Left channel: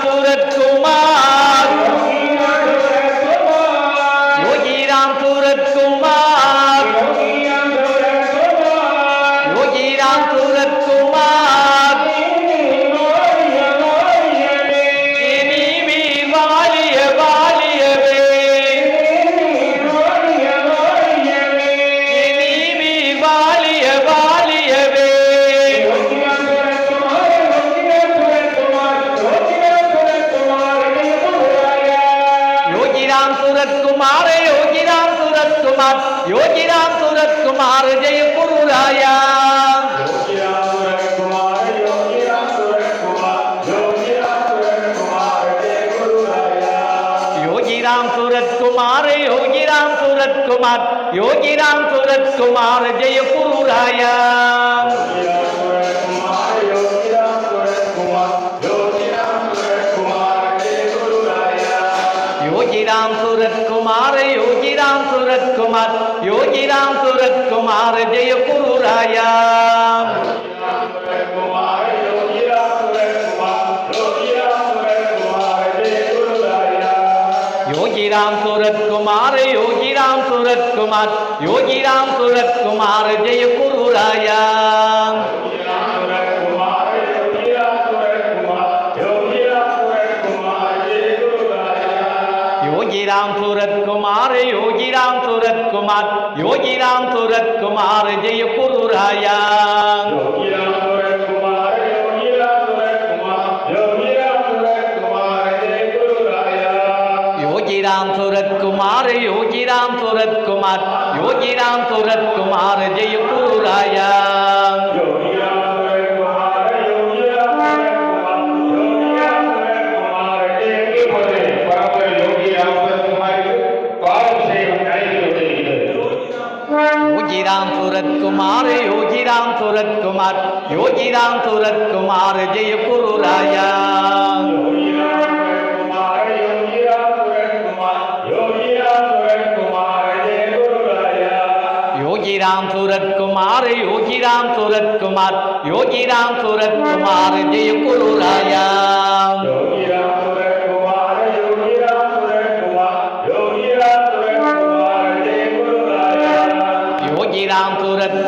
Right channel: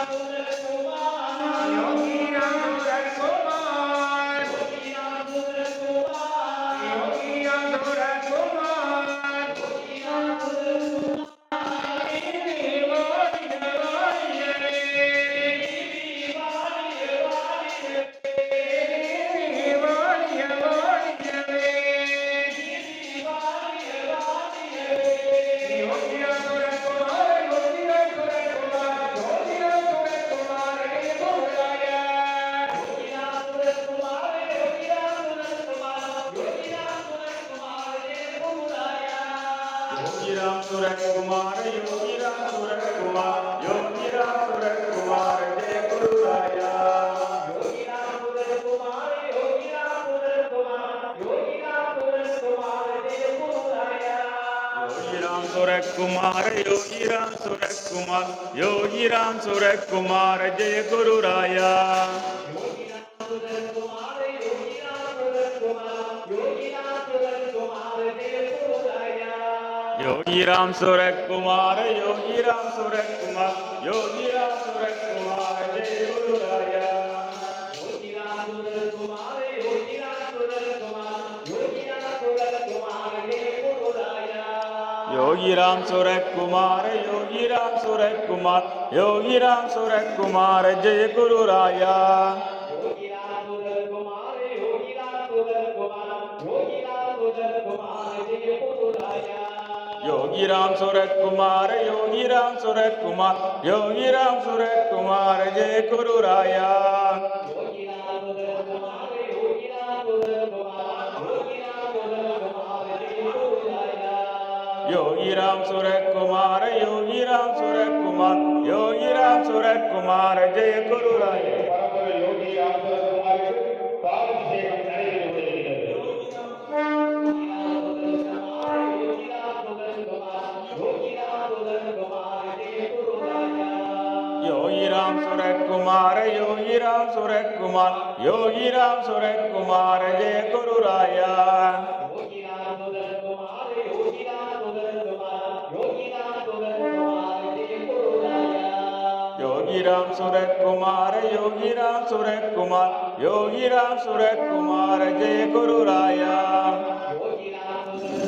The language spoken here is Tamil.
করে তোমার யோகிராம் சூரத்குமார் யோகிராம் சூரத்குமார் யோகிராம் சூரத்குமார் ஜெயபூராயா யோகிராம் சூரத்குமார் யோகிராம் சூரத்குமார் யோகிராம் சூரத்குமார் ஜெயபூராயா யோகிராம் சுரத்குமார் ஜெயபூராயா யோகிராம் சுரத்குமார் யோகிராம் சுரத்குமார் யோகிராம் சுரத்குமார் யோகிராம் சுரத்குமார் ஜெயபூராயா யோகிராம் சுரத்குமார் யோகிராம் சுரத்குமார் யோகி யோகிராம் சூரத் குமார் ஜெயபுராயா யோகிராம் சூரத் குமார் யோகிராம் சூரத் குமார் யோகிராம் சூரத் குமார் ஜெயபுராயா யோகிராம் சூரத் குமார் யோகிராம் சூரத் குமார் யோகிராம் சூரத் குமார் ஜெயபுராயா உயிராம் துறக்குமாறு ஜெய குருராயா. யோகிராம் சூரத்குமார் யோகிராம் சூரத்குமார் யோகிராம் சூரத்குமார் ஜெய குருராயா. யோகிராம் சூரத்